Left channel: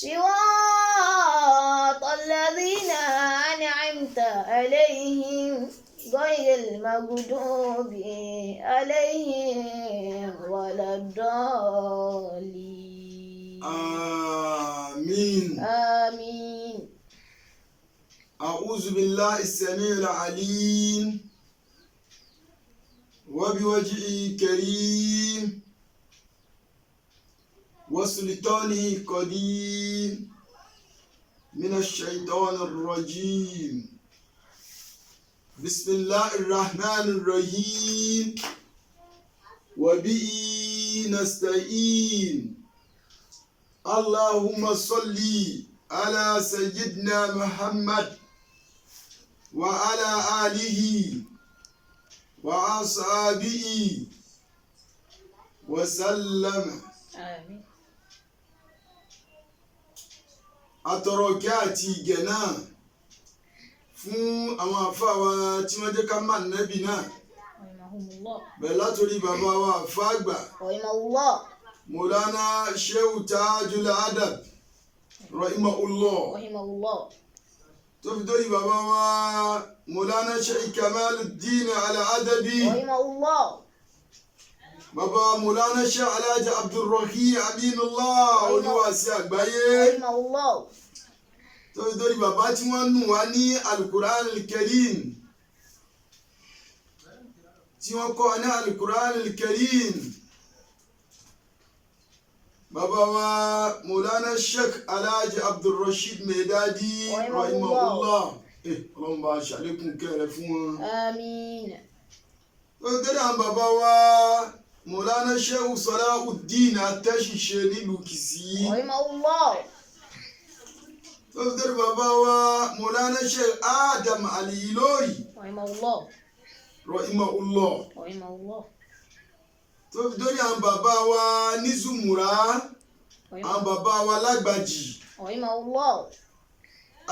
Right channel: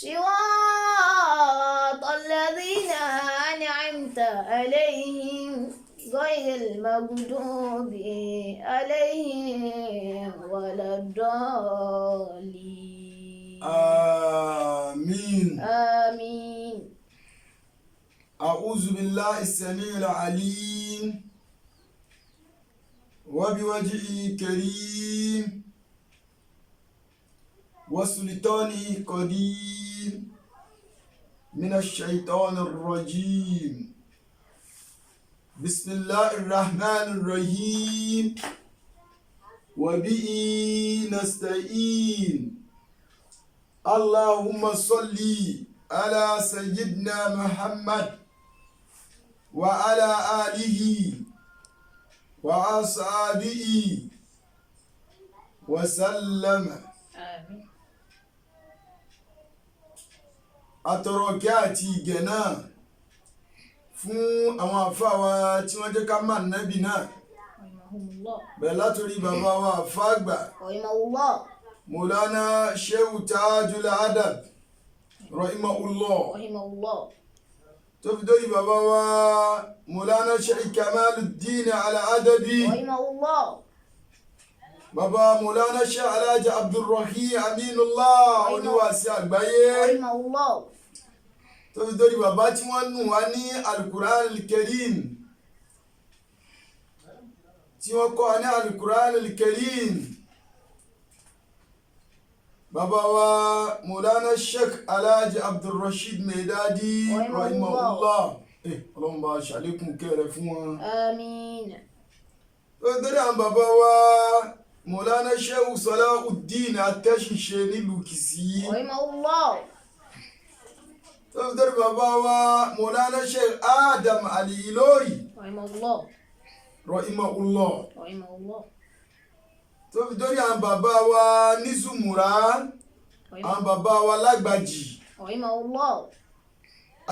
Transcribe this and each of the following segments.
صراط الذين أنعمت عليهم غير المغضوب عليهم ولا الضالين. آمين. آمين. أعوذ بالله السميع العليم وبوجهه كريم وسلطانه قديم من الشيطان الرجيم. بسم الله الرحمن الرحيم وبه نستعين. اللهم صل على سيدنا محمد وعلى آله وأصحابه وسلم. آمين. Atọrọkẹ́ àti ìgẹ̀ náà fún àwọn àfáà wa tí wọ́n jẹ́ ká máa nábì náà. Rahimahumullah. Bẹ̀rẹ̀ látòrí bàbá wa àfáà àgbà Rahimahullah. Mọ̀lánà Shehu Tajul Adab rahimahullah. Rahimahullah. tó fi dórí bàbá wa Mọ̀lánà Sheikh Kamaluddin Al-Adabi. Rahimahullah. Bàbá Mọ̀lánà Sheikh Alhaji Abdulrahim Aminullah oníwàásí àgbáyé. Rahimahullah. tó fi dórí bàbá tí wọ́n nù wá ní Al-Qur'an Al-Karim, tí wọ́n kọ́ ní Al-Qur'an Al-Karim. Bàbá wa Mọ̀lánà Sheikh Alhaji Abdulrasheed Medadi rahimahullah. Ọlọ́run bá ṣàlékún kẹrẹ fún wọn. Àmín. tó fi dórí àwọn bàbá wa Mọ̀lánà Sheikh Salahuddin Atẹ́ṣiṣe nílùú Kìsì. Rahimahullah. tó fi dórí bàbá wa Mọ̀lánà Sheikh Adam Al-Ilori Rahimahullah. rahimahullah. Rahimahullah. tó fi dórí àwọn bàbá wa ní Zumura, àwọn bàbá wa lágbàjì, Rahimahullah.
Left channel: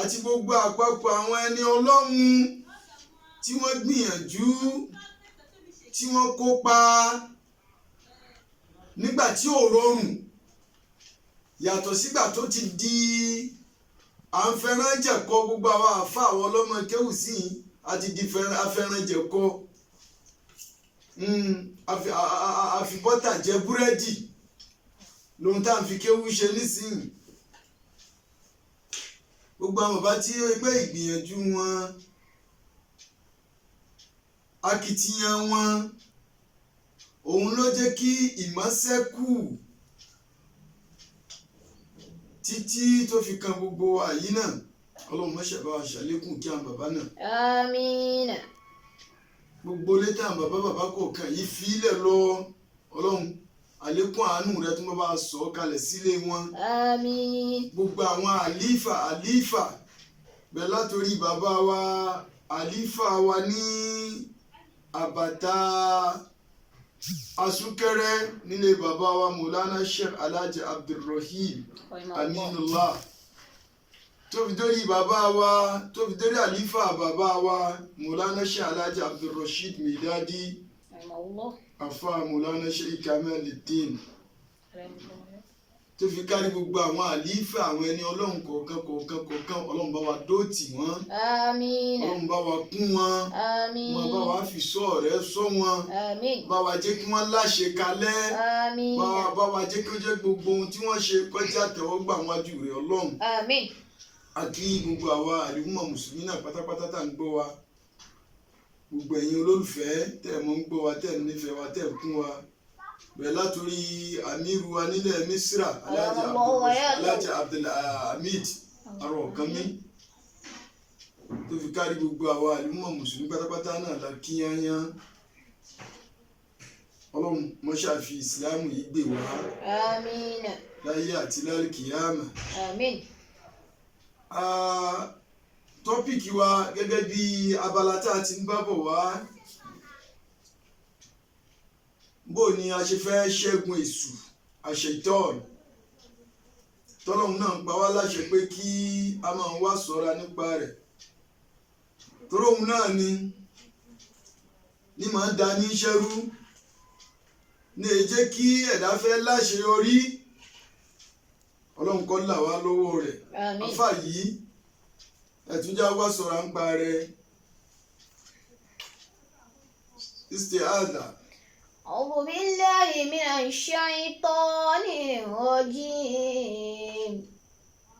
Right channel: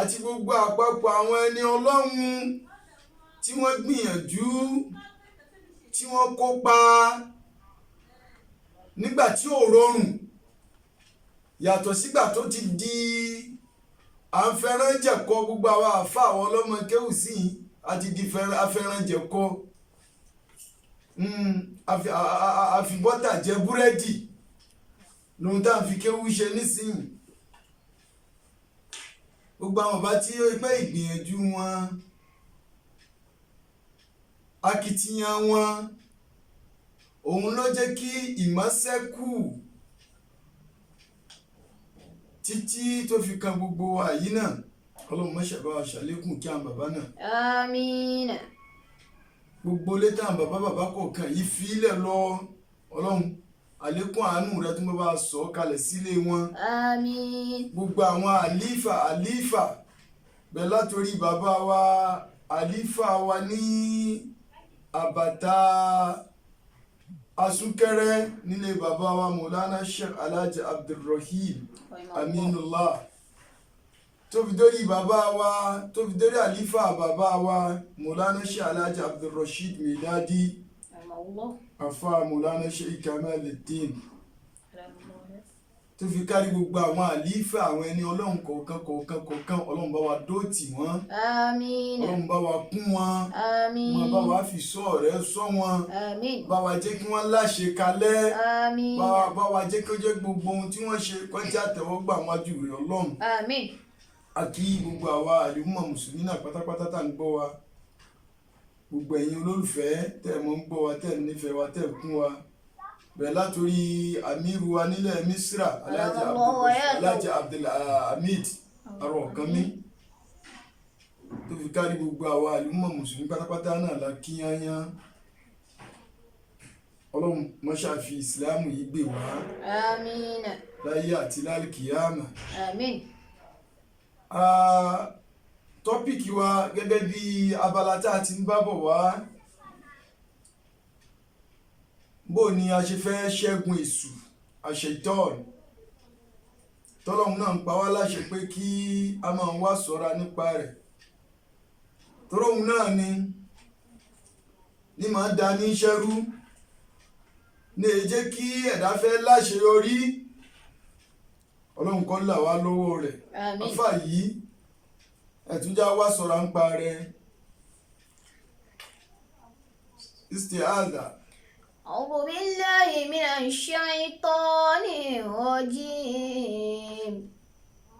àti gbogbo àpapọ̀ àwọn ẹni ọlọ́run tí wọ́n gbìyànjú, tí wọ́n kópa nígbà tí ò rọrùn, yàtọ̀ sígbà tó ti di à ń fẹ́rànjẹ̀kọ. gbogbo àwọn àfa àwọn ọlọ́mọ kéwù sí yìí àti di afẹ́rànjẹ̀kọ. àfi bọ́tà jẹ búrẹ́dì lóhun tá à ń fi kéwú ṣe nísìnyí. gbogbo àwọn bàbá tí ó pé ìgbìyànjú wọn, akitiyan wọn, òun ló jẹ́ kí ìmọ̀ ṣẹ́kù títí tó fi kan gbogbo àyí náà. Ọlọ́run má ṣe bá wa ṣàlékún kí àwọn bàbá náà. Àmín. gbogbo létà bàbá kọ̀ọ̀kan yìí fi ilẹ̀ lọ. Ọlọ́run àlékún àánú rẹ tó bá sọ kalẹ̀ sílé wọn. Àmín. gbogbo àwọn àlífà bẹ́ẹ̀ látòrí bàbá wa àlífà wa ní àbàtà asúkẹrẹ nílé bàbá wa Mọ̀lánà Sheikh Alhaji Abdulrahim Aminullah, tó fi dórí bàbá wa, tó fi dórí àlífà bàbá wa Mọ̀lánà Sheikh Alhaji Abdulrasheed Medadi, afa Mọ̀lánà Sheikh Kamaluddin, tó fi kárí gbogbo àwọn àlífà àwọn ẹni ọlọ́run kọ̀ọ̀kan Ọlọ́run bá wa dóòtì wọ́n. Àmín. Ọlọ́run bá wa kún wọn. Àmín. wọn bá wa fi sọ rẹ̀ sọ wọn. Àmín. bá wa jẹ́ kí wọ́n láṣẹ kalẹ̀. Àmín. bá wa jẹ́ kí ó jẹ́ gbogbo ohun tí wọ́n ṣe kọjá tẹ̀wọ́gbà wájú rẹ̀ Ọlọ́run. Àmín. àti gbogbo àwa àlùmọ̀ mùsùlùmí náà pátápátá tá à ń gbọ́ wa, gbogbo ẹ̀yin olólùfẹ́ tẹ́ mọ́ ń gbọ́ wa, tẹ́ nífẹ̀ẹ́ wa, tẹ́ kún wa, bẹ̀rẹ̀ látòrí amiru wa nílẹ̀ Misra Alhaji Abdulhamid Arọ̀kánmí, tó fi kárí gbogbo àwa àlùmọ̀ mùsùlùmí pátápátá náà la kíyányán. Ọlọ́run mọ́ṣá fi ìsìláàmù yìí gbè wá. Àmín. láyé àti lálùkìyámà. Àmín. Tọ́pìkì wa gẹ́gẹ́ bí abala tá a ti ń bá bọ̀ wá, bó ni a ṣe fẹ́ ṣẹ́gun èṣù àṣetọ́ọ̀nù. tọ́lọ́hun náà ń pa wá láṣẹ pé kí a máa wá ṣọ́ra nípa rẹ̀, toróhun náà ni máa da ní ṣẹ́rú, ní èyí jẹ́ kí ẹ̀dá fẹ́ láṣeyọrí, ọlọ́run kó là wá lọ́wọ́ rẹ̀. Àmín. àfà yìí ẹ̀túnjá wá sọ̀rọ̀ ń pa rẹ̀ isti'adha. أعوذ بالله من الشيطان الرجيم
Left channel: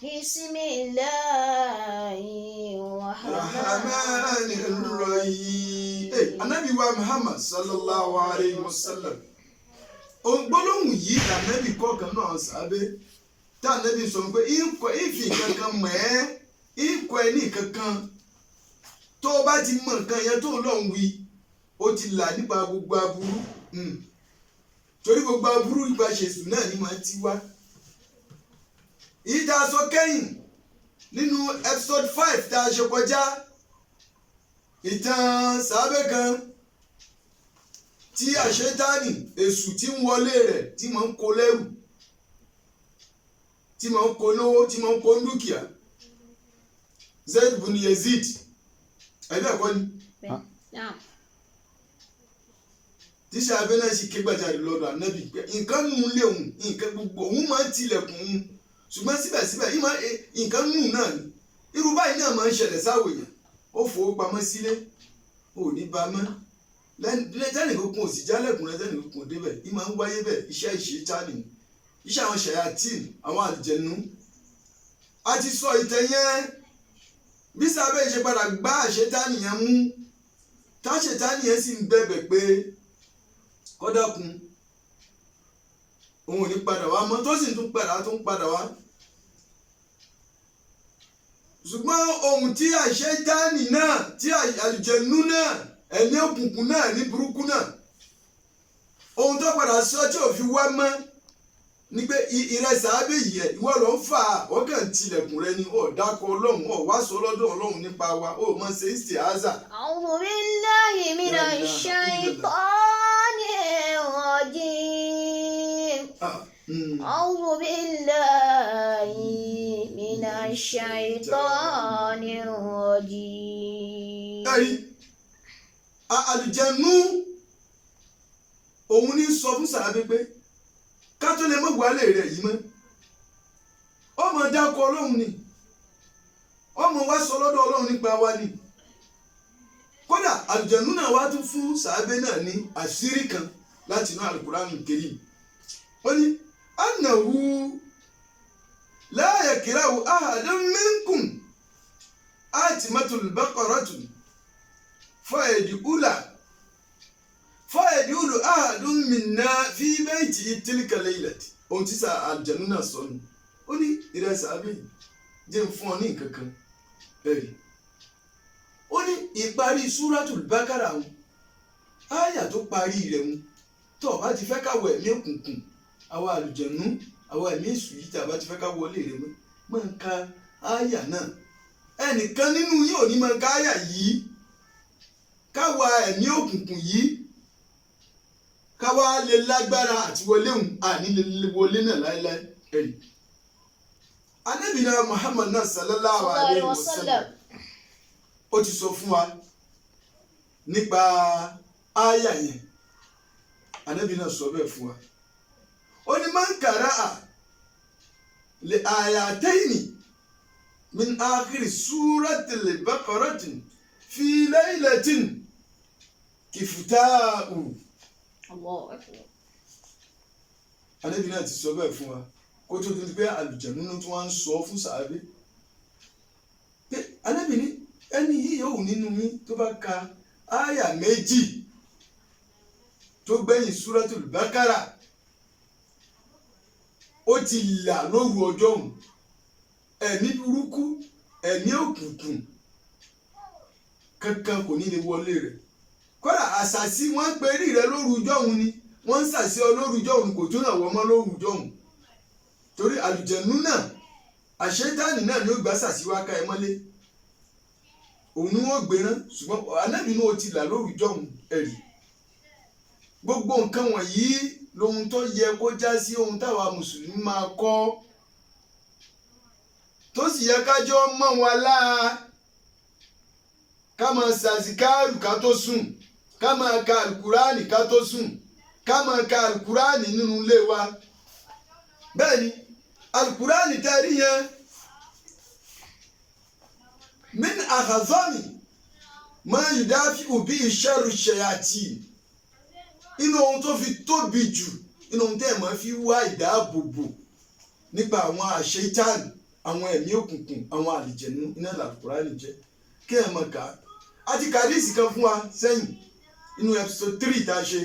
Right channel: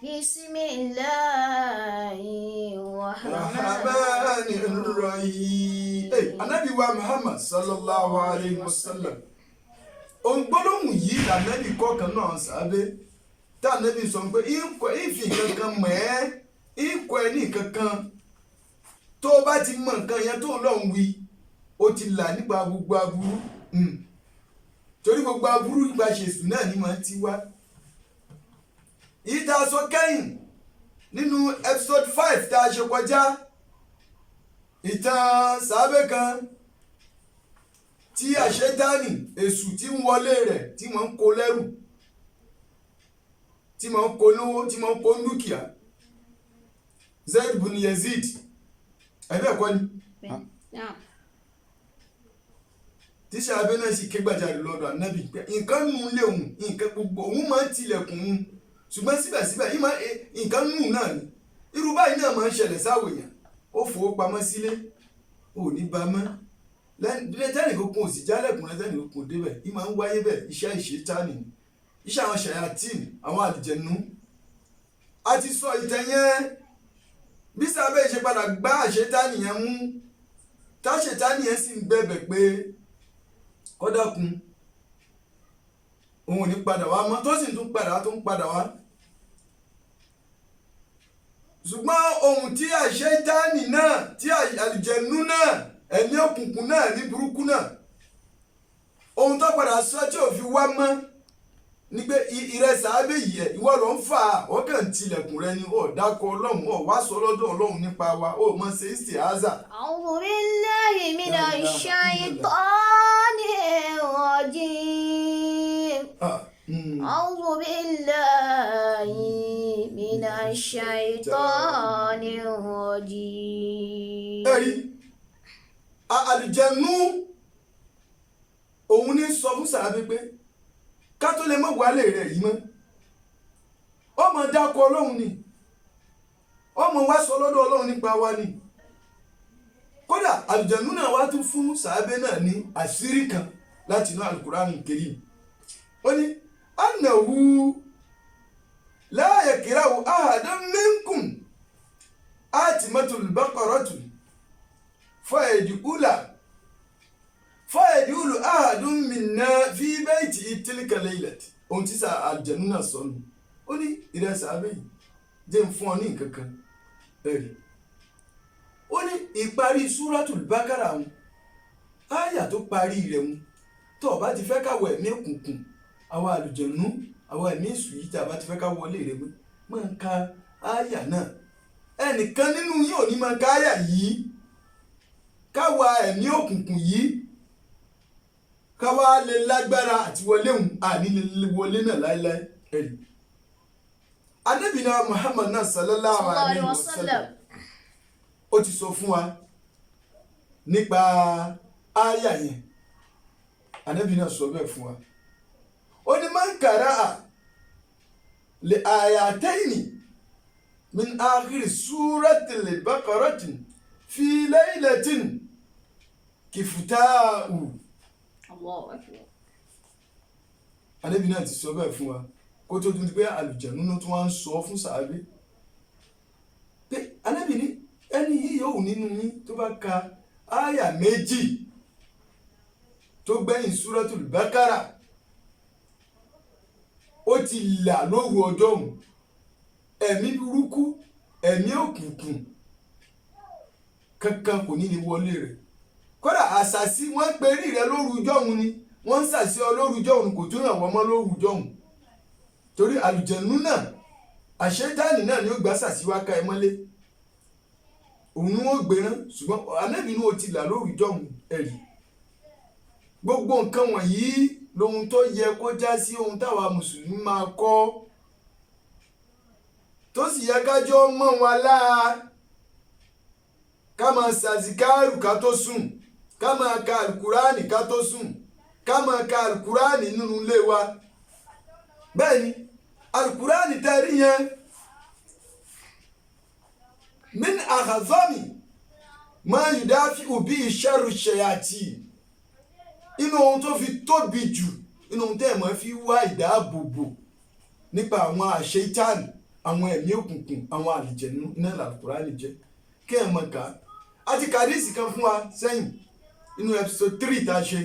بسم الله الرحمن الرحيم. Ànábì wa Muhammad sallallahu alayhi wa sallam ògbólóhùn yìí lànàbì kọ̀ọ̀kan náà sábẹ́ tá ànàbì sọ pé ìfì kankan mọ̀ ẹ́ ìkọ̀ ẹ̀ ní kankan tó o bá ti mọ nǹkan yẹn tó lọ́hùn wí ó ti là nípa gbogbo aburú torí gbogbo aburú ìgbà ṣèṣù náà ni màá ti wá. ìdá sọ kẹ́yìn nínú episode 5 tá a ṣe kọjá ìtàn sàábẹ́ kan tí àṣetánì èṣù tí ń wọlé rẹ̀ tí mò ń kó lẹ́rù tí mò ń kó lówó tí mò ń kó dúkìá Zaid bin Yazid ẹ̀bẹ̀ kọ́ ni tíṣà abẹ́ náà sì ké gbàjarè lọ́dọ̀ ànábì pé nǹkan nù lé òun nǹkan gbogbo òun máa ń tilẹ̀kùn òun ṣùgbọ́n síbẹ̀síbẹ̀ nǹkan nù náà ni irú báyìí náà máa ń ṣẹlẹ̀ sáwò èèyàn ó fowó pamọ́ sílé ò ní ba mọ́ tẹ́nìkan kún òsì jálẹ̀kùn rẹ tẹ́nìkan kún débẹ̀ yìí máa ń wáyé bẹ́ẹ̀ iṣẹ́ ìṣètánì iṣẹ́ àwọn ṣayatin àwọn àlùjẹ̀nú. a ti sọ ìtàn yẹn bí sábẹ́ ṣe padà gbá àṣetánì yẹn mú táṣetánì yẹn sì ń bẹ̀bẹ̀ pé kọ́dọ̀kun òun ò ní padà wá mọ́ tó sì tún padà wá. ṣùgbọ́n ohun tí àṣetánì náà tí àlùjẹ̀nú náà ẹ̀mí òkùnkùn náà ní burúkú náà ohun tó padà sọ tí ò fi wá mọ́ ni pé ìrẹsà abẹ́ yìí ẹ̀ ìwọ ló ń fà á wọ́n kàn tilẹ̀kùn rẹ ni ó dákọ̀ ọlọ́run ó wá sọ lọ́dọ̀ ọlọ́run nípa wa ó mọ̀ ṣe isti'aza. أعوذ بالله من الشيطان الرجيم أعوذ بالله من الشيطان الرجيم. àlùjẹ̀nú òun ní sọ fún sàábé pé ká tó lè mọ̀ wálé rẹ̀ yìí mọ́ ọmọ dákọ̀ ọlọ́run ni ọmọ wa sọ lọ́dọ̀ ọlọ́run nípa wa ni kódà àlùjẹ̀nú náà wá tún fún sàábé náà ní àṣírí kan láti inú Al-Qur'an Karim ó ní annahu la yakrahu ahadan minkum atimatul baqaratu fayadulu ahadun minna fi bayti tilka laylati ohun tí sa àlùjànnú náà sọ nù ó ní ìrẹsà abẹ́yìn jẹ́ ń fún ọ ní nǹkan kan ẹ̀rí ó ní ìparí súratul bákàrà wọn áyà tó parí rẹ̀ wọn tó o bá ti fẹ́ káwọ ẹ̀mí òkùnkùn àwọn àlùjànnú àwọn ẹ̀mí èṣù yìí tí a bá ti fẹ́ ká wọlé rẹ̀ mọ́ máa ń ka áyà náà ẹnìkan nínú yín ò ní máa ka áyà yìí káwa ẹ̀mí òkùnkùn yìí káwa lè lágbára àti wọlé òun àní lè wọlé náà láéláé ẹ̀rí. Ànábì náà Muhammad náà sallallahu alayhi wa sallam ó ti sọ fún wa nípa áyà yẹn Ànábì náà sọ bẹ́ẹ̀ fún wa ó ní man qara'a li ayatayni min akhiri suratil baqaratin fi laylatin kifuta'u. Allahu Akbar. Ànábì náà ti sọ bẹ́ẹ̀ fún wa kó tó dún pé àlùjànnú náà tí wọ́n ń sọ fún sàábé pé Ànábì ní ẹni yìí yóò nínú yín tó bá ka áyà méjì tó gbẹ̀yìn súratul bákàrà ó ti là lóru ọjọ́ òun ẹ̀mí burúkú ẹ̀mí òkùnkùn kankan kò ní lè wọlé rẹ̀ kódà àṣàsí wọ́n ń perí rẹ̀ lóru ọjọ́ òun ni wọ́n ń ṣàṣì ọ lóru ọjọ́ òun kò tún ràn wọ́n mọ́ lóru ọjọ́ òun torí àlùjànnú náà àṣetánì náà ni ó gbà ṣàṣì wá ká ẹ mọ́lé òun ni wọ́n gbérán ṣùgbọ́n Ànábì inú ó ti là lóru ọjọ́ òun ẹ̀rí gbogbo nǹkan wọ̀nyí lohun tó yẹ kó já sí ohun táwa mùsùlùmí máa kọ́ tó sì yẹ kájọ́ mọ́ wa láà ká máa ṣàzìkáàrù ká tó sùn ká máa ka alukurani ká tó sùn ká máa ka alukurani nínú ilé wa bẹ́ẹ̀ ni alukurani tẹ́rí yẹn min akhazami ma yudafi'u bi sharri shayatin inú ohun tó fi tóbi jù inú ohun tẹ́ ẹ̀ máa fi wá ìdáàbòbò nípa àwọn àṣetán àwọn ẹ̀mí òkùnkùn àwọn àlìjẹ̀nú iná làkùránì jẹ́ kí ẹ̀ mọ̀ ká àti kàdíìsì kan fún wa sẹ́yìn inú episode 3 tá a ṣe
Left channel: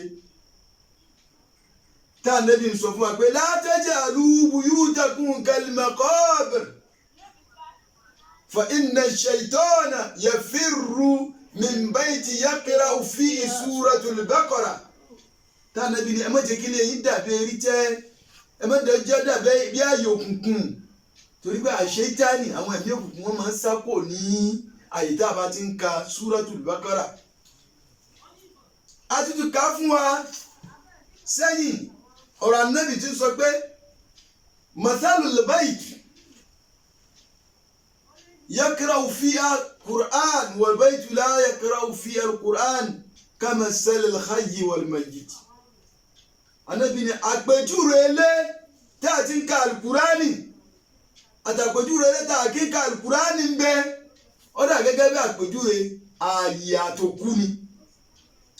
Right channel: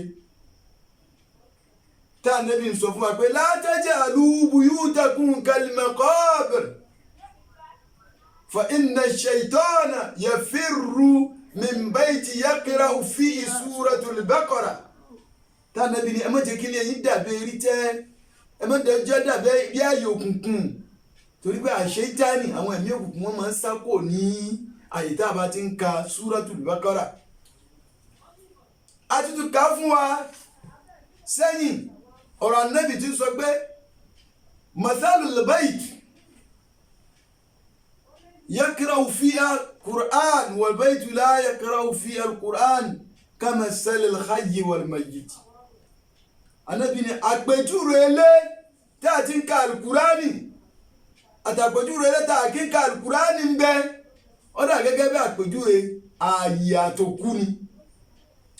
tá a nẹ́bí ń sọ fún wa pé la taj'alu buyutakum kal-maqabir fa inna ash-shaytana yafirru min bayti yaqra'u fihi suratul baqara tá a nẹ́bí ni ẹ má jẹ́ kí ilé yín dàbí erí tẹ́ ẹ má jẹ́ dàbí bí ààyè òkùnkùn torí pé àṣetánì àwọn ẹ̀mí òkùnkùn wọn máa ń sákò ní àyè tá a bá ti ń ka suratul baqara a ti tún ká fún wa sẹ́yìn ọ̀rọ̀ Ànábì tí ń sọ pé mathalul bayt yakra'u fiha Qur'an wal baytu la yakra'u fiha al-Qur'an kamathalil hayyi wal mayyit. Ànábì ní àpèjúwe ilé tá a ti ń ka alukurani àtàpèjúwe ilé tá a kì í ka alukurani ń bẹ ó dà gẹ́gẹ́ bí àpèjúwe ààyè àtòkú ni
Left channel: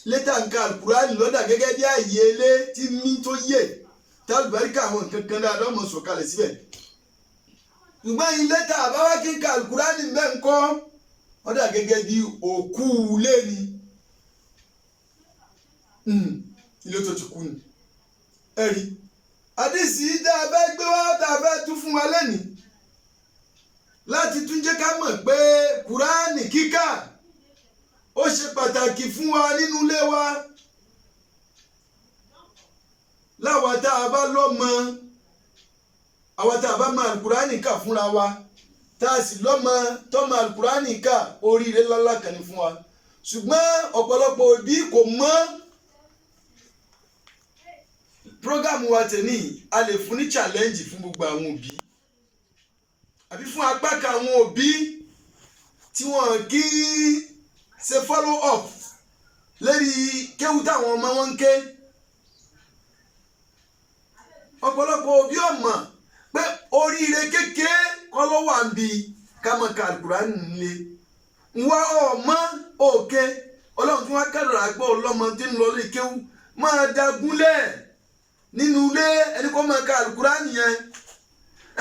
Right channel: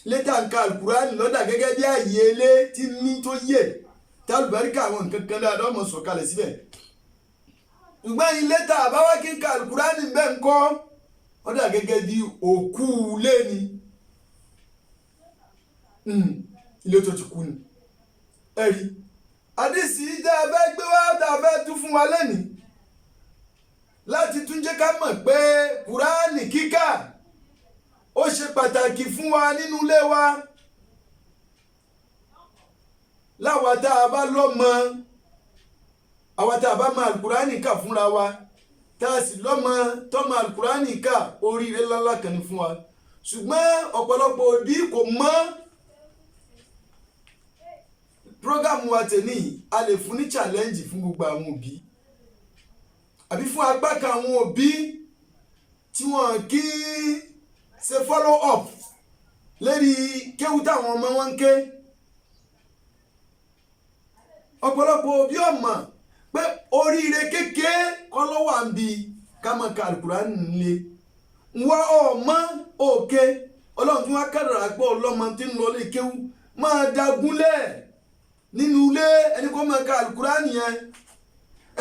létà ń ka alukurani lọ́dà gẹ́gẹ́ bí ààyè ilé tí mí tó yẹ tálùbáríkà àwọn nǹkan kan dáadáa ọmọ sọ̀kalẹ̀ síbẹ̀ ṣùgbọ́n ilé tá a bá wá kí n ka alukurani ń bẹ ń kọ́ ó dà gẹ́gẹ́ bí òkú ilé ni ilé tó ti kú ni ẹ̀rí àdìsí tá a fẹ́ gbé wá tá a fẹ́ tún fún wa lẹ́nìí láti tún jẹ́ ká mọ̀ pé kùránì kíkà ó ṣe pàtàkì fún wa nínú ilé wa láwa tá a bá lọ́mọ àwa tá a bá mọ àlùkùránì kà fúnra wa tá a sì lọ́mọ tọ́mọ àlùkùránì kà oríire ńláńlá kan ní fún wa ṣùgbọ́n ọ̀pọ̀lọpọ̀ òbí kò mọ̀ program wa tèmi a lè fún ní challenge fún gbogbo àwọn òbí àbí fún apá kan àwọn òbí tí wọ́n kì í ṣe follow up lórí kéwú táwọn ọmọ wọn ń ké ọ̀pọ̀lọpọ̀ òbí ò mọ̀ pé oríire kékeré kọ́ ló wà ń bi ká máa ka alukurani nílé wá ọmọ òkè ọlọ́run tí wọ́n kádàrá gbọ́ ọlọ́mọ tí ń lọ lé kéwú máa dagúnlẹ̀ nínú ilé ẹni kó máa ka alukurani yẹn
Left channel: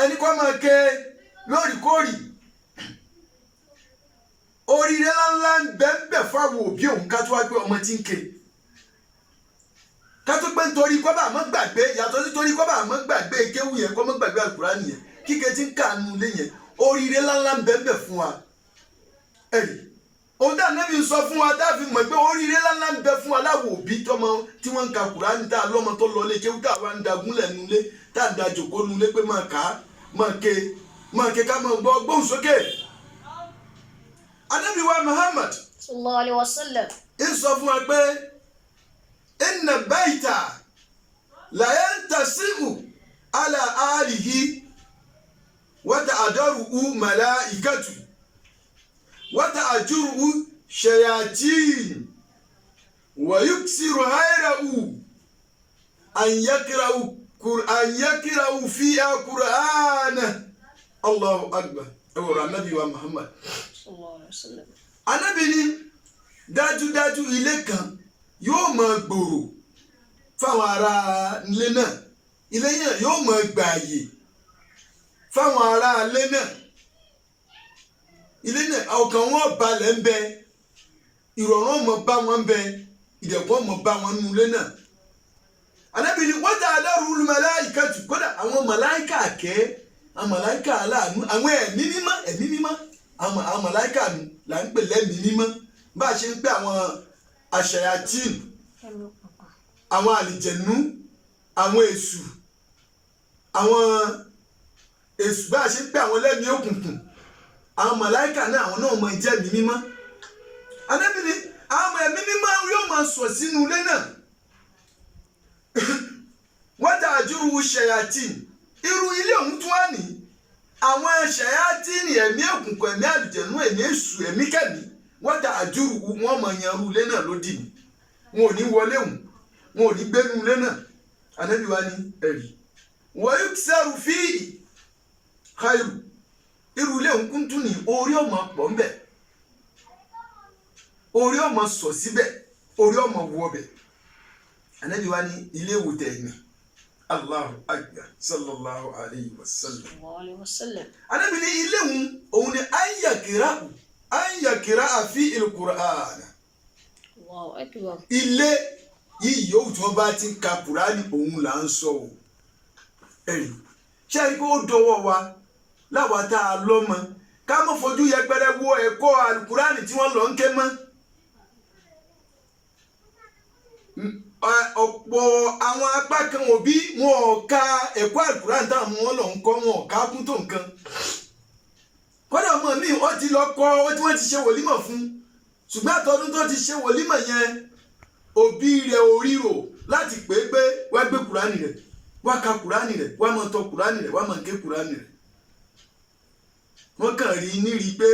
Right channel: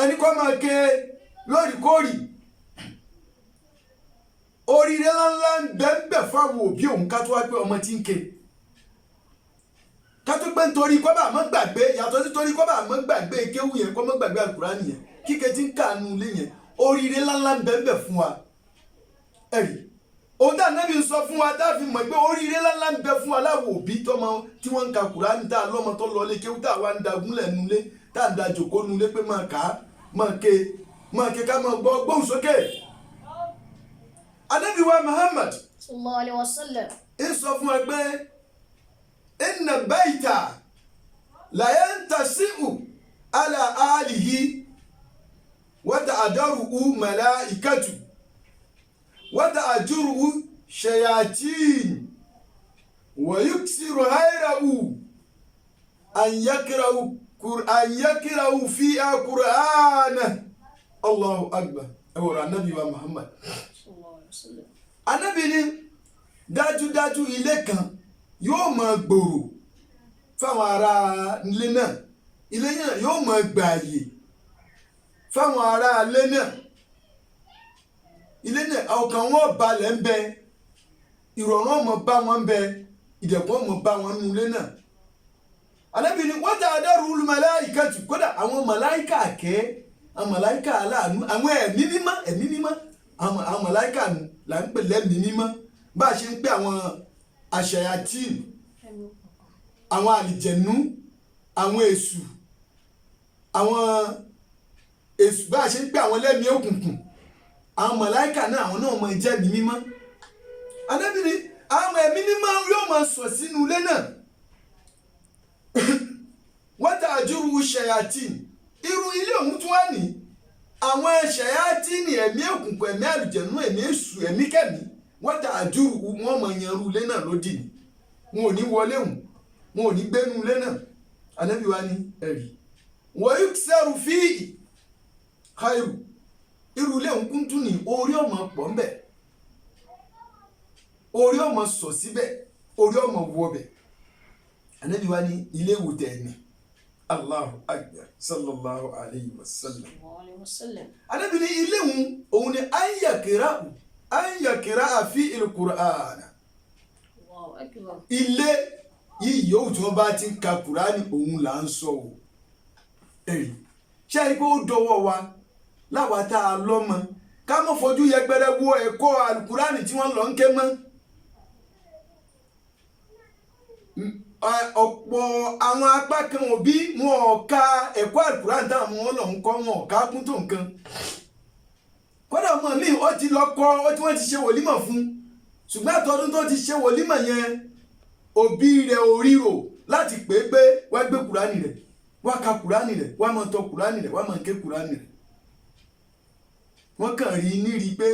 ẹni kó máa ké lóòrèkóòrè oríire ńláńlá ń bẹ́ẹ̀ fáwọn òbí òun ká tó wá pé ọmọ tí ń ké ká tó pé nítorí kọ́ bá àmọ́ gbàgbé yàtọ̀ sí torí kọ́ bá àmọ́ gbàgbé kéwù yẹn kọ́ mọ́ gbàgbé alukurani yẹn kíké tí ń kà nù ilé yẹn oríire ńláńlá ń bẹ́ẹ̀ fún wa ẹ̀rí òun dà nẹ́bí ń sọ fún wa tá a fi mọ̀ pé oríire ńláńlá ń bẹ fún wa láwọn òbí tọmọ tí wọ́n ń ka kurani tá a lọ́mọ tó lọ lé kéwù tá a wá ń dagúnlẹ̀ nulẹ̀ tá a ń da jòkó nulẹ̀ pé máa kà á máa ké ká máa gbọ́ gbóhùn sókè. Ànábì wa Muhammad sallallahu alaihi wasallam ń sọ fún wa pé inna bayta la yantasi'u ala alihi wa ta'daruhu malaikatu wa ta'juruhu shayatin wa yuksiru hayrahu an yakra'u fiha Qur'ana Allahu akbar ẹwọ̀rọ̀ Ànábì wa Muhammad sallallahu alaihi wasallam. Ànábì ní dájúdájú ilé kan yóò máa gbòòrò fáwọn ará ilé náà ilé yẹn yóò máa gbààyè fáwọn ará ilé náà ilé náà ọkàn wọn balẹ̀ ń bẹ ìrọ̀rùn ọmọ bá wọn ń bẹ ìdẹ̀kùn ọmọ bá wọn nínú ilé náà. Ànábì ní wọ́n ta'daruhul malaikatu kódà àwọn màláìkà àkẹ́ àwọn màláìkà aláàánú àwọn ẹ̀mí mímọ́ àwọn màláìkà nù là ń pè lẹ́mìí mímọ́ bá a ṣe ń pè àwọn àṣàyàtìn àwọn àlìjẹ̀nú àwọn èṣù bá a ṣe ń pè àwọn lẹ́mìí òkùnkùn àwọn màláìkà náà àwọn náà máa jẹ́ ẹ̀mí mímọ́. Ànábì ní àwọn ẹ̀mí mímọ́ yóò máa sọ̀ sínú ilé náà wọ́n ta'juruhu shayatin irú ilé ọ̀hún tún wà ní àwọn shayatin ẹ̀mí òkùnkùn ẹ̀mí àlìjẹ̀nú ẹ̀mí èṣù ẹ̀mí kẹ̀mí wọ́n ta'juruhu wọ́n máa yanrú ilé náà lódì ní wọn ò ní wọlé hùn wọn ò ní gbénu ilé náà. Ànábì wa ní ẹ̀rí wa yuksaru fihi khairu irú ilé òǹkún tún ní orí ọmọ pọ̀ ń bẹ̀ orí ọmọ sọ síbẹ̀ orí ọmọ wọ bẹ̀ Ànábì wa ní ilé ìwòtẹ́ ẹ̀mí Allahu akbar sallallahu alayhi wa sallam Ànábì ní ilé òun ni ayakira àfi il-Qur'an ilé yìí yóò tí wọ́n bá ti ń ka Kùránì òun là ń sọ o ẹ̀rí ṣé ẹni pé ó dọwọ́ wa láwa tá a lọ́mọ ká mọ́ fojú yẹpẹrẹ wo ẹ̀kọ́ Al-Kùránì tí wọ́n lọ ń ké mọ́ ọ̀pọ̀ àwọn apá kan òbí wọn ò ka ẹ̀kọ́ Al-Kùránì táwọn wọn lọ ń kọ́ wọn ò ká kún tó nǹkan kódà ọmọ mi ó ti lọ kọ́ ó tí wọ́n ti ṣe wòlímọ̀ fún ṣùgbọ́n àtọ́dún tó ti ṣe wòlímọ̀ yẹn òbí rẹ̀ ò ríro láti pè é pé wá gbé Kùránì rẹ̀ wá ka Kùránì rẹ̀ wá máa tọ Kùránì rẹ̀ wá máa ké Kùránì rẹ̀ wọ́n kàn rí ní rí pé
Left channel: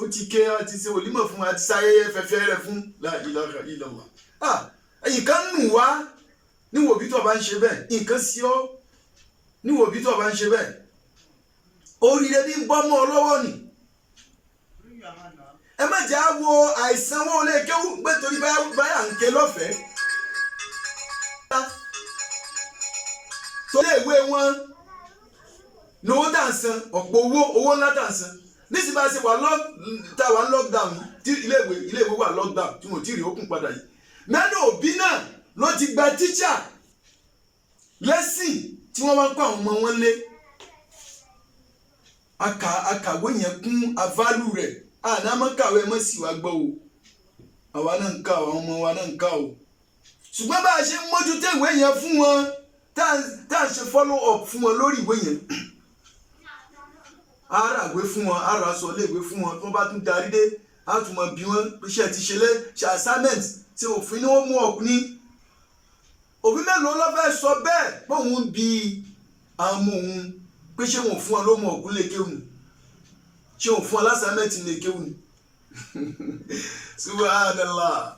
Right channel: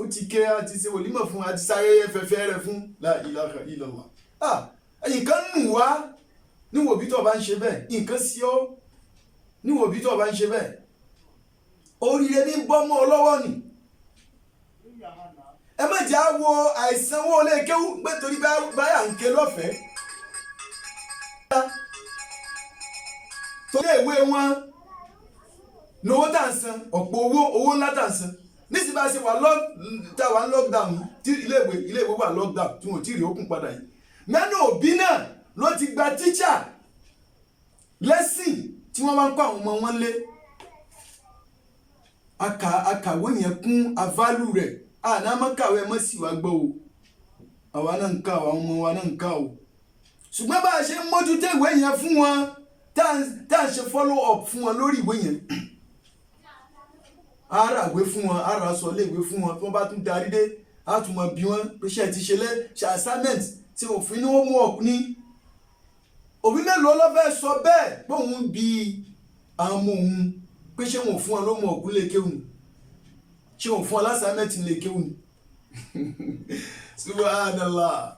ó ti ké àti ṣe wòlímọ̀ fún àti sáyẹyẹ fẹ́fẹ́ rẹ̀ fún la ilaha illallah nǹkan nù wá níwò bí tó bá ń ṣe bẹ́ẹ̀ nǹkan sí ọ́ níwò bí tó bá ń ṣe bẹ́ẹ̀ oríire ní bọ́mọ́ ọlọ́wọ́ ni ẹ má jẹ́ àwo àìsàn wọn ò lè kéwú pé torí báyà ń ké lọ́fẹ̀ẹ́ tó lé ìwé wọn lówó tà ń san ọ̀pọ̀ owó ńlá tà ń san nísìsiyìí bá ṣe wà lockdown tí iléèwé wà lockdown tí wọn ò tí ì rí okùn padà yìí mẹ́nu òbí náà ló ti gba tíṣà lẹ́sìn tí wọ́n bá ń kọ́ àwọn ọmọ wọn lé akàwé yẹn kún aválù rẹ̀ àná mọ́ kàwé mọ́ sí wa gbọ́ o àwa náà ń ká àwọn ọmọ wa náà ń ká o ṣùgbọ́n bá a ṣe ń mójútó ìwé yẹn fún wọn tá à ń ṣe follow up fún wọn lórí ìwé yẹn ara ìwé fún wọn ara sọ lé ìwé fún wọn tí wọ́n bá tún darí dé á tún mọ bí wọ́n pé ṣe ti ṣe assignment tí òfin ni wọ́n mú ọkùnrin òbí mélòó ló fẹ́ sọ bẹ́ẹ̀ pé òun bí àwọn ọmọ òun pé ṣé wọn fún ọ ló mọ ọkùnrin lè kéwù ni ṣé wọn fún ọ lásàmẹ́tì lè kéwù ni subhanallah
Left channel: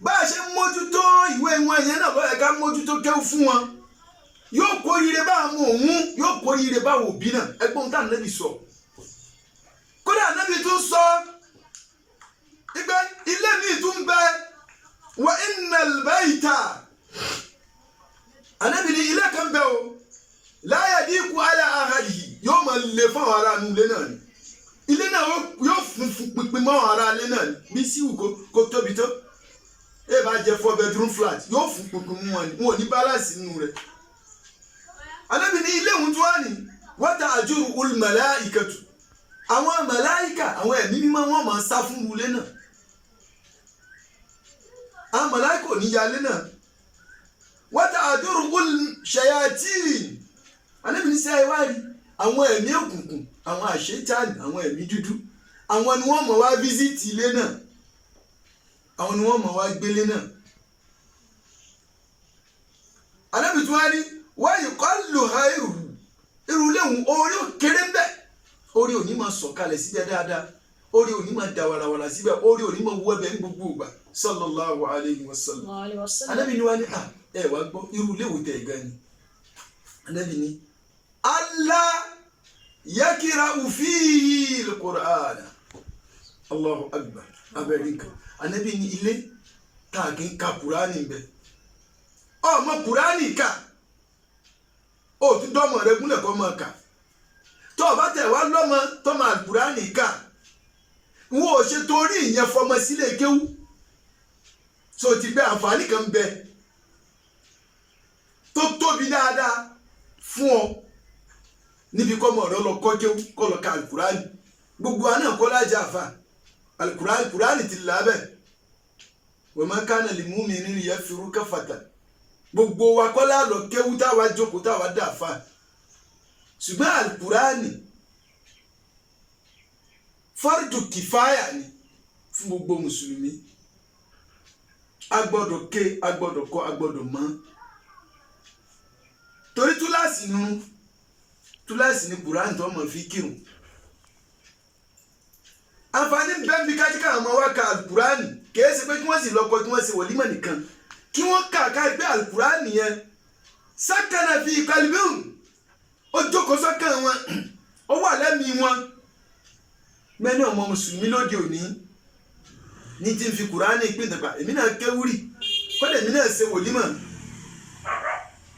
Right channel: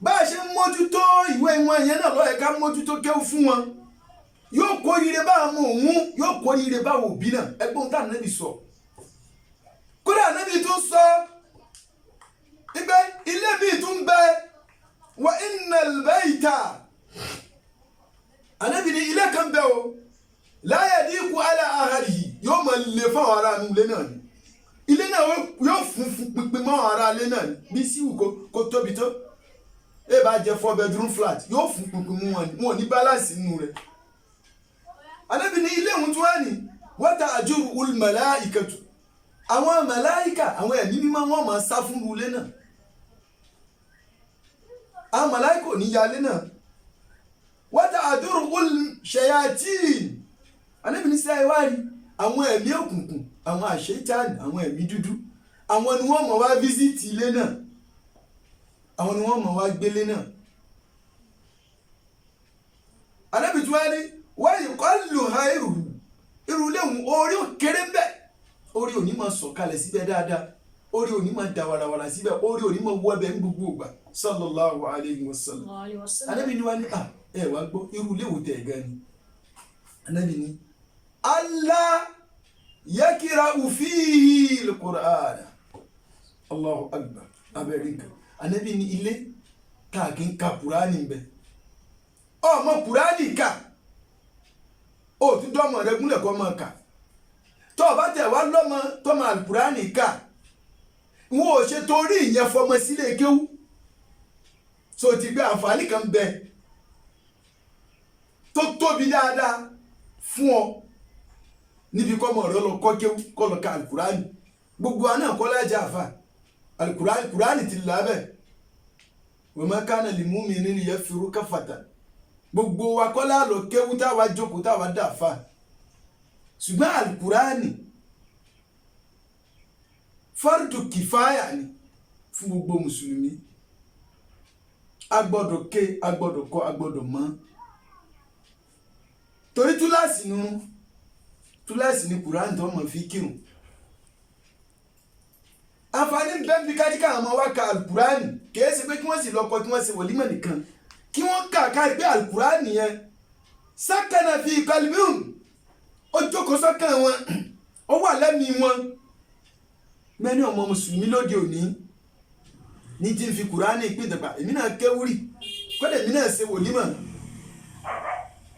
bá a ṣe ń mójútó ìwé wọn yẹn náà lọ́yẹ̀ ká mójútó kéwù fún wọn yóò kórìíre bá àwọn òun yóò kórìíre bá àwọn òbí náà ẹgbọ́n tá Ànábì sọ kódà Ànábì tún sọ ìgbẹ́ ilé mi tún bẹ wa innal bayta Ànábì ní ilé kan bẹ o la yadiku ala ahadihi yóò máa lè fún àwọn ará ilé náà ni ilé náà yóò fún pínpín mọ́ àwọn ará ilé náà ni bí síwù kó tóbi tó ẹ bá jẹ 4 bedroom flat yóò fún pínpín mú wọn ò ní balance nínú rẹ̀ Ànábì ní ilé òun tó wà ní wa ta'juruhul malaikatu àwọn màláìkà àwọn ẹ̀mí mímọ́ wọn máa sá fún ilé náà àwọn màláìkà ò ní yalé náà wa ta'juruhul shayatin Ànábì ní sí àìwárí àwọn ẹ̀mí òkùnkùn àwọn àṣetánì àwọn ẹ̀mí dúdú àwọn ni wọ́n máa wá fíṣítì ilé náà àwọn ni wọ́n máa wá gbélé náà Ànábì tó wá ní wa yuqallu khairuhu irú léwu orí òkèrè ń bẹ orí òní máa sọ̀kalẹ̀ síbẹ̀ dáadáa orí òní máa dà wàràwàrà síbẹ̀ orí òní máa wọ́ ẹbẹ̀ ń gbogbo ìgbà sallallahu alayhi wa sallam Ànábì ní wá ní ẹ wá gbọ́ irú léwu tẹ̀ gan ni Ànábì ní Allah yakira'u fihi al-Qur'an Allahu akbar abẹ́rẹ́kà Ànábì ní ilé káàkiri ń ka Kùránì ń bẹ ọmọ Kùránì ká ó tún dọ́mọ rẹ gúnlẹ̀ kọ́ mọ́ ká tó o bá tẹ̀ wá lọ́mọ tọ́mọ Al-Kùránì ká wọn ò ṣe torí ìyẹn fọmọ sílé kéwú so ti gbé àǹfààní kan bẹ tó tóbi dáadáa fún ọ níbi kọ́mọ rẹ lọ kọ́ kéwú kọ́ lọ ka Al-Kùránì gbogbo àná kọ́ lájà àfà Al-Kùránì ti lábẹ́ wa ma kana li mu'minin yafiru kafatan gbogbo wa kọ́ lálọ kéwú táwa jókòó táwa dàfà ṣùgbọ́n Al-Kùránì fardu kìfáyà ni fún gbogbo mùsùlùmí agbọ́dọ̀ ké agbọ́dọ̀ kọ́ agbọ́dọ̀ mọ̀ torí túláàsì ní Kùránì tó mọ̀ fi kírun àǹfààní bẹ́ẹ̀ bí kájíkà àmọ́ wá ka Al-Kùránì kìí ṣe pé kí wọ́n sì lọ́kọ tí wọ́n ṣe wòlímọ̀ nìkan kí wọ́n kà ká gbé Al-Kùránì yẹn sákànà fi qalbihim ó jókòó sọ́kàn wọn ó wà lẹ́mìí wọn mẹ́ni ọmọ mùsùlùmí lóde òní ní tí ń fi kùránì pín ìdàgbà èmi náà kéwúrì kọ́dà èmi náà ṣe wòlímọ̀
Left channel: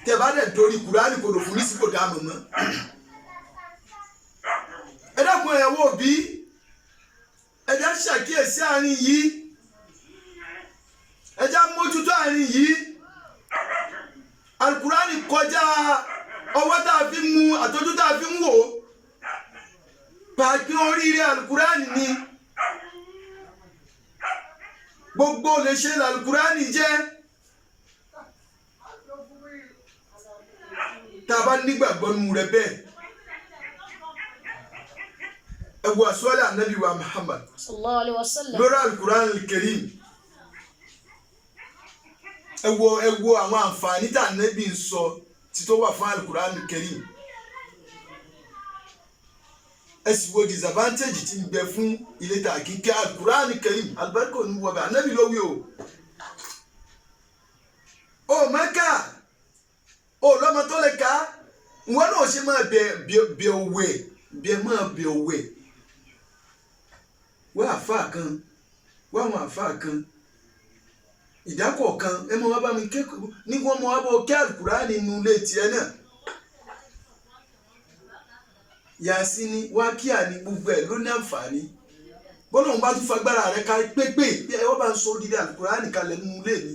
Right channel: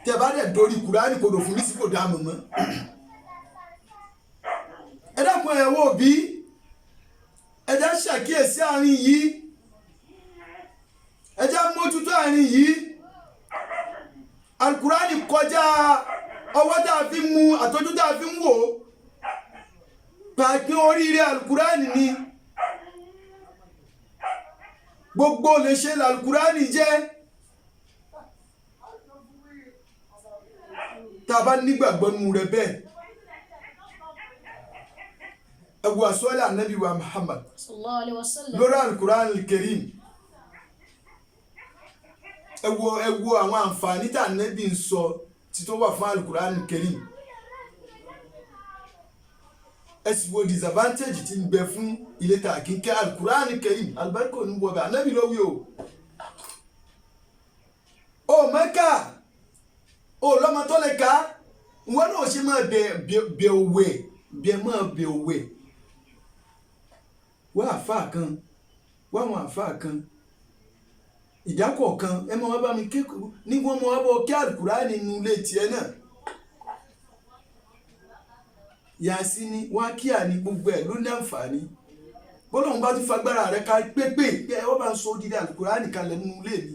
tẹ́ bá dẹ̀ dorí kùránì kò dò fún ní sípò dá mọ̀mọ́ ẹ dákun ẹ̀ wò bí ẹ já ṣàkíyèsí àárín yìí ẹ já mójútó àárín yìí alukurani kọjá ọwọ́ tá a fi ń mu àtọ́jú tá a fi ń wò pàápín oríire alukurani ni gbogbo lè ṣe alukurani jẹ́ tá a bá nígbàgbọ́ nínú rẹ̀ bẹ́ẹ̀ ẹ wo àsọ́lẹ̀ ànábì wa Muhammad sallallahu alaihi wasallam lórí alukurani al-Karim ẹ wo àwọn àǹfààní tá ànábì ń sọ tí tó wà fún alukurani al-Karim ẹ sì wo disadvantage tí ń bẹ fún ilé tààkì kí alukurani al-Karim alibarika ò ní wọ bẹ ànábì ló wí o mẹ́ka o lọ́mọ tó lè ká wọn náà ṣe máa bẹ òwe wọ́n àfáà kan wọ́n àwọn àfáà kan ìdákọ̀ kan ẹ mọ wá bá mi kékeré ní wọ́n mọ wá bọ́ kí alukurani nínú ilé tiẹ̀ náà yàsí ni wá kí àní gbogbo ẹ̀ ló ní àǹfààní bọ́lá òun bá tún fagbára rẹ̀ ká pépè bí ẹ wọ́n bá ń sọ dídá alukurani kalẹ̀ nínú ilé mi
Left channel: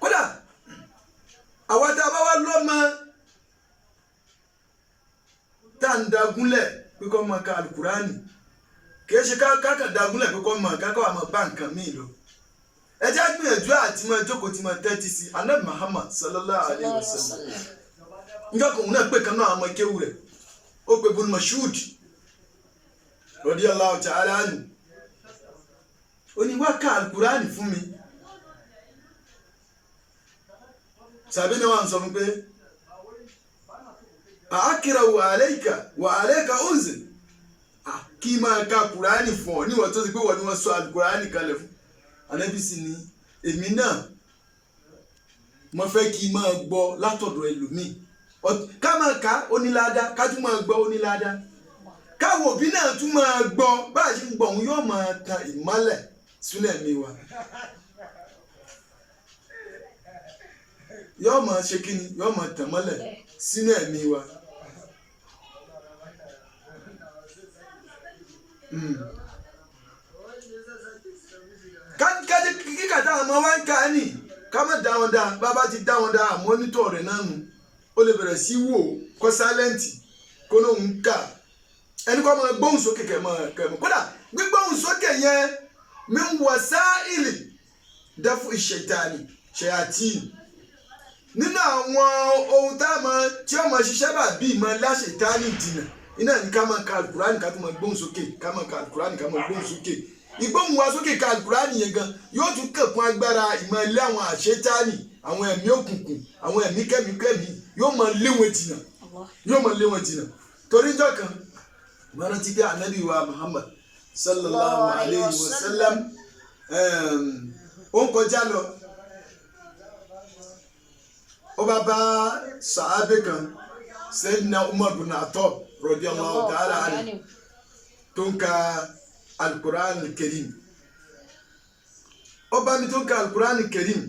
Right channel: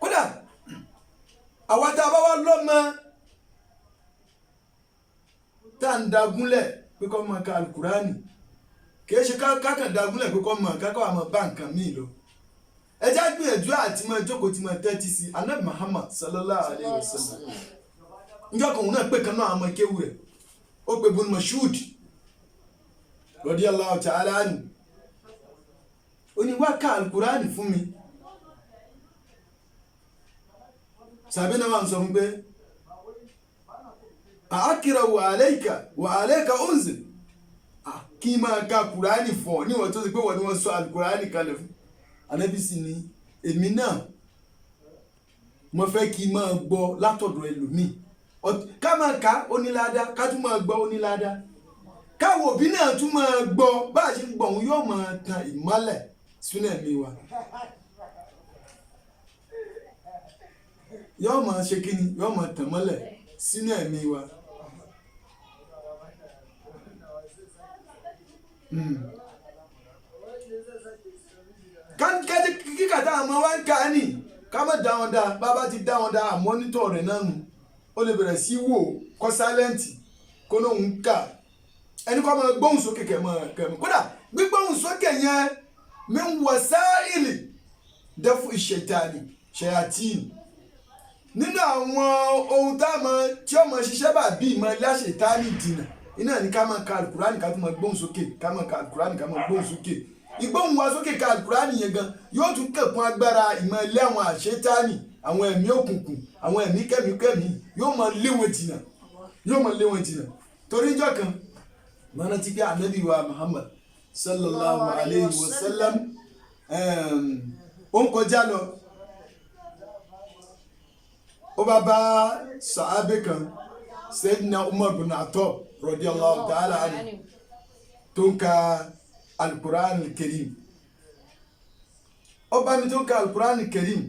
kódà àwa tá a bá wá lọ́mọ tá à ń dagúnlẹ̀ pé kọ́ mọ ká alukurani kìí ṣe kákan dagúnlẹ̀ pé kọ́ mọ kákan àmọ́ bá nǹkan míì lọ ẹ já gbìyànjú àti mọ jókòó tí mo tẹ́tí sí anabi Muhammad sallallahu alayhi wa sallam njọ́ kan òun náà pé kan náà àmọ́ kéwù rẹ̀ ó pe Ibn Mas'ud radiyallahu ta'ala anhu ó ní wá ká alukurani fún mi sàbí náà wà ń sọ fún pé àákìrà wà àlẹ́kà unzil kí máa ka kùránì fún ọ níwọ̀n tó ti pé wọ́n ni wọ́n sọ alukùránì kalẹ̀ fún Ànábì sì ni èmi náà mo fẹ́ kí máa gbọ́ látọ̀dọ̀ ẹlòmíì ká máa ka onílàádá ká tún máa gbọ́ onílàádá káwọn òbí náà tún máa gbọ́ bá a ṣe ń gbọ́ òun yóò máa tan ìmọ́lẹ̀ sínú ẹ̀mí wa yóò máa ṣe kí ni yóò máa tàn mọ́lẹ̀ sínú ẹ̀mí wa. kíkà táwọn ọmọ wa ń kà á nì ká má dá wọn dá bàbá ti dá wọn dá àmọ́nítọ̀ rẹ̀ náà nù ó lè bẹ̀rẹ̀ sí wò kọ́ sálẹ́ǹtì kó lóun ń kà ẹni kọ́ máa gbóhùn sókè kẹ̀mọ́ kódà gbígbóhùn sókè yẹn min wasaili dafu ìṣẹ̀tàní ṣẹ̀yàtìn nínú àwọn ohun tí ọmọ ṣiṣẹ́ bá bí ìmọ̀ láṣetánì dìnà iná ní ká máa ka alukurani ká tó máa gbóhùn sókè ká máa ka alukurani ká máa gbóhùn sókè ìgbóhùn wa sókè ka alukurani yẹn gan yóò tún kẹ̀kún agbára ìmọ̀ ilé àwọn àṣetánì àwọn ẹ̀mí òkùnkùn àwọn ẹ̀mí kẹ́míkẹ́mí yóò máa lé wọn jìnà torí ìjọ kan mọ́nà tí kí anabi wa Muhammad sallallahu alayhi wa sallam ó ń kọjá lọ ó bá bá sàábé kan Sayyidina Umar bin Khattab radiyallahu ta'ala anhu tó ń ka al-Qur'an al-Karim ó bá mi tó ń ka al-Qur'an al-Karim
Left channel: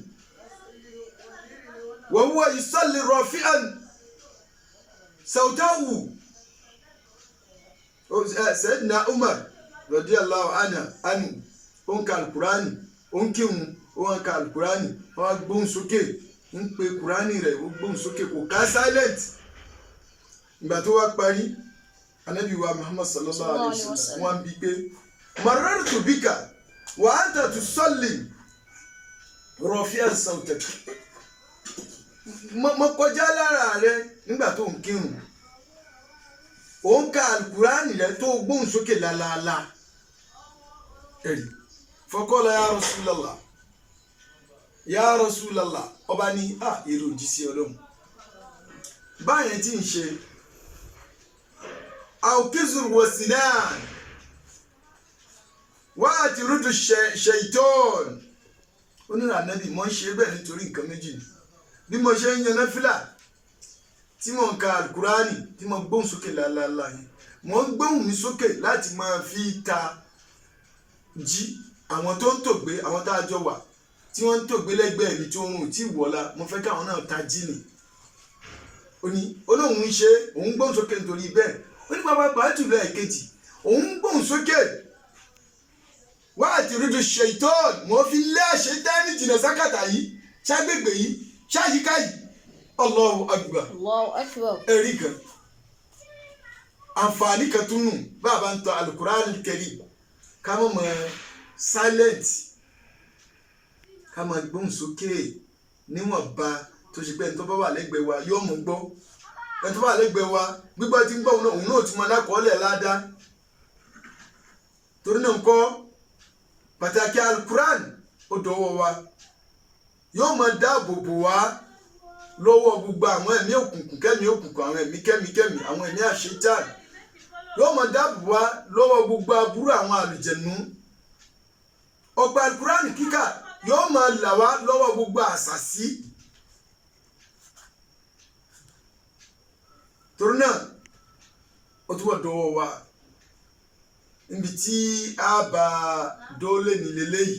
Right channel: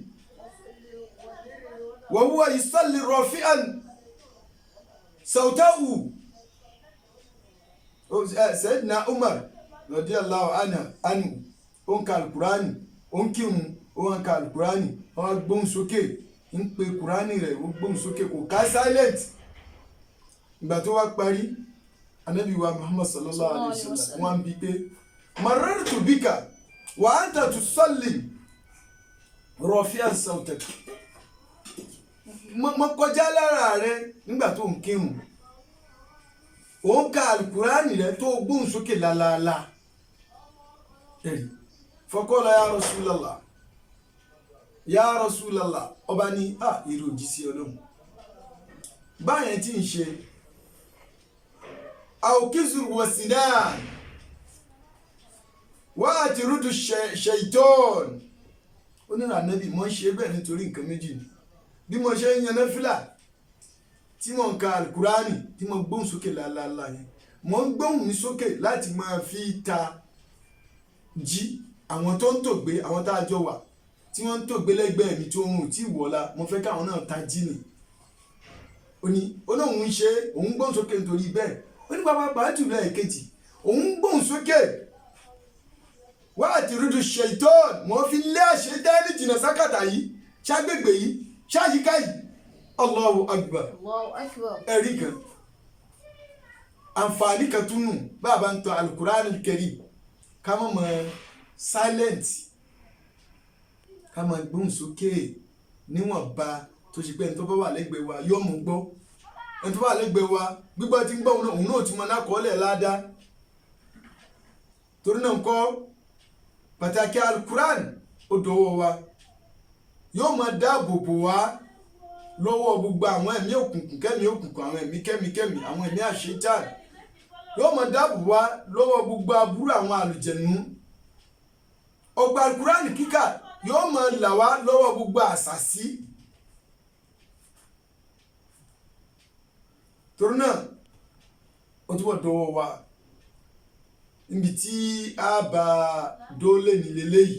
wa huwa yusalli rafi'an sawtahu Sayyidina Umar radiyallahu anhu ó ń ka al-Qur'an ó ń kírun ó ń ka al-Qur'an ó wá gbóhùn sókè ń pe kùránì rẹ̀ ó gbóhùn sókè kò ká silent ìgbà tó wá parí anabi wa Muhammad sallallahu alayhi wa sallam wọ́n bí pé marartu bika wa anta tusalli rafi'an sawtak mo kọjá lára rẹ nígbà tó ń kírun ó ń ka alukùránì rẹ̀ tó gbóhùn sókè lálaalá ẹ̀rí faqala ya Rasulallah ọba ní èrò òjíṣẹ́ Ọlọ́run báyẹn tí ń ṣe àwòkízùrù wọ̀sínáà wá àti rúdù ṣèitọ́n ó ó ní ànábì mo ń ṣe bẹ́ẹ̀ nítorí nǹkan méjì ni bí mo ṣe ń yan náfìlà tí mo ń ka alukurani tí mo gbóhùn sókè lálálá yẹn mo ń gbóhùn mi sókè láti máa fi ta jí àwọn tó ń tògbé àwọn tá a jọ wà tí wọ́n ń tògbé lẹ́gbẹ̀ẹ́ mi tí oorun ò tí wọ̀la mo fẹ́ káwọn náà ta jí ni ó ní olóhùn ń ṣe òun gbóhùn sókè nítorí bẹ́ẹ̀ ó ní pàápàá jùlọ ẹ̀kejì òun gbóhùn sókè wá àti rúdú ṣèitọ́ọ̀nù mo fi lé àṣetánì jìnnà sákàtà yìí ṣàgbègbè yìí ṣáyíká yìí Allahu Akbar. Allahu Akbar. ẹ̀rí kan àǹfààní kan tún nù bàbá ń tọ Al-Qur'an Al-Karim ká mọ̀ mọ́ silent ká mọ̀ gbóhùn sókè níwọ̀nba tó ṣe pé ẹni tó bá wà lẹ́gbẹ̀ẹ́ wa yóò mú gbọ́ ẹni tó bá wà lẹ́gbẹ̀ẹ́ wa gbígbọ́ tí ń gbọ́ òun náà ti mọ lákọọ́lẹ̀ ládàá torí náà ń kọ́ pàtàkì Al-Qur'an ó dọwọ́ wa yóò máa dáàbò bò wá lọ́wọ́ gbogbo àwọn ẹ̀mí òkùnkùn kẹ́mi òkùnkùn àwọn ẹ̀mí kẹ́mi àwọn ẹ̀mí àṣetán yóò máa dáàbò wá lọ́wọ́ gbogbo aburú àwọn àlùjẹ̀nú ọgbà Al-Qur'an kíkà yóò máa là wá lọ́wọ́ gbogbo àṣàsí torí náà ó túbọ̀ dọwọ́ wa níbi tí a bá dóòlè nílé léyìí